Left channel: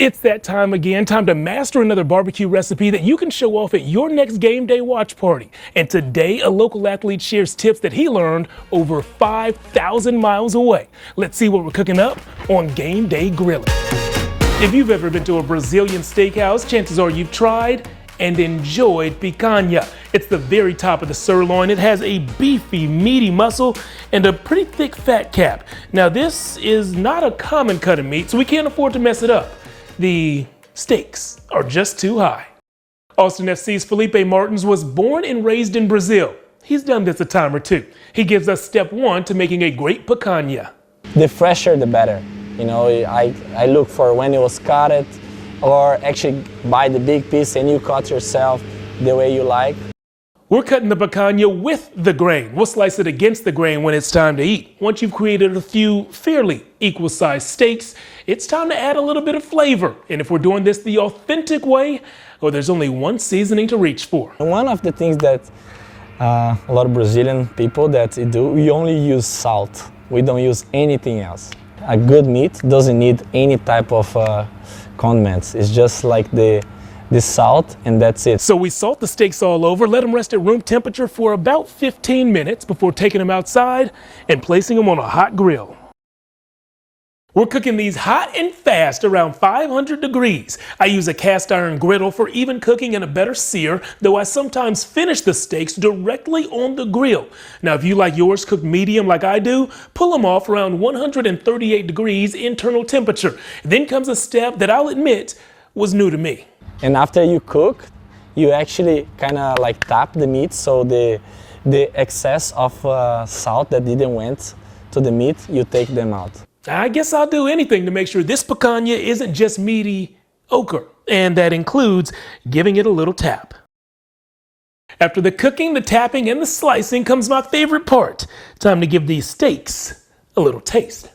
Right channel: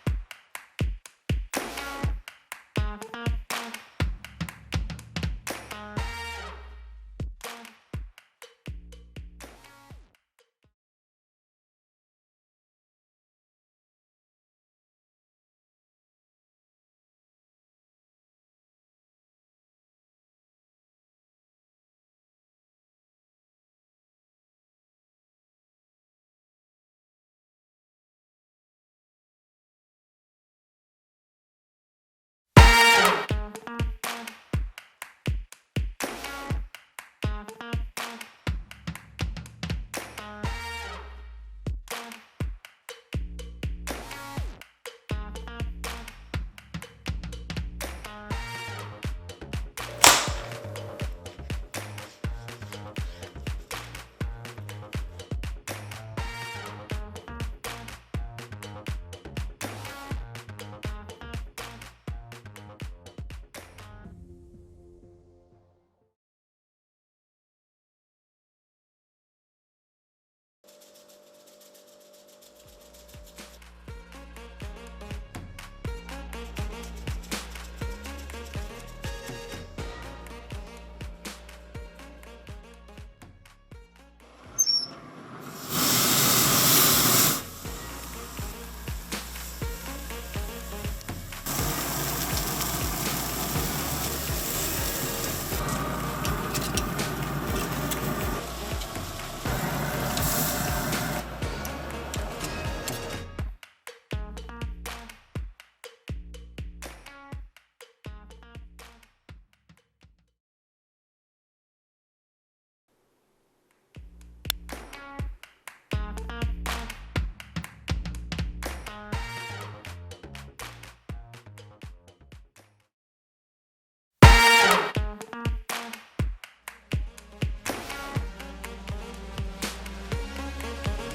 It's that time again, time to master another barbecue recipe that you can show off at your next game day watch party. And today, a local athlete shares tips that he learned over 5,000 miles away. Let's see what we're cooking up on Game Day Grilling. If you've ever been to a Brazilian steakhouse, chances are you've tried and enjoyed picanha. It's the very top of the sirloin. It has a beefy, meaty muscle and a pretty thick fat cap. Now this is not a common cut of meat, so we can't afford to mess it up. The stakes are just too high. Austin FC's Felipe Martins was born and raised in Brazil. He's done this a time or two. He gives us step one to making a great picanha. The fresher, the better. You know, I look for when it was cut, or actually buy the big piece and you cut yourself the way you like. We're cutting the picanha with the grain. We'll slice it against the grain when it's time to eat. Once you've created a few fairly equal-sized steaks, it's time to add a little bit of flavor. And if we're doing this the authentic way, well, there's only one seasoning to reach for. One of the things that a lot of Brazilian people that do, we only use salt. We don't use anything else. A good meat doesn't need any type of condiments. It's just like the salt, and that's it. So we salt the steaks all over, let them rest at room temperature for about 15 minutes before taking them outside and placing them on a hot grill. We're cooking these hot and fast around 500 degrees. I use a cast iron griddle for even cooking and a better sear, though I sometimes finish the steaks directly on the grill. Now, if you like yours cooked medium like I do, pull them off around 138 degrees internal temperature. Then comes a step that I'll admit was new to me. And after you cook, you actually kind of like tap the meat, so the excess of salt that didn't went to the meat, you take them out. I guess I'll do anything to make sure this picanha isn't just meaty ochre, and that includes giving it a little tap. After the cooking, the tapping, and the slicing comes my favorite part. Time to give these steaks a little taste.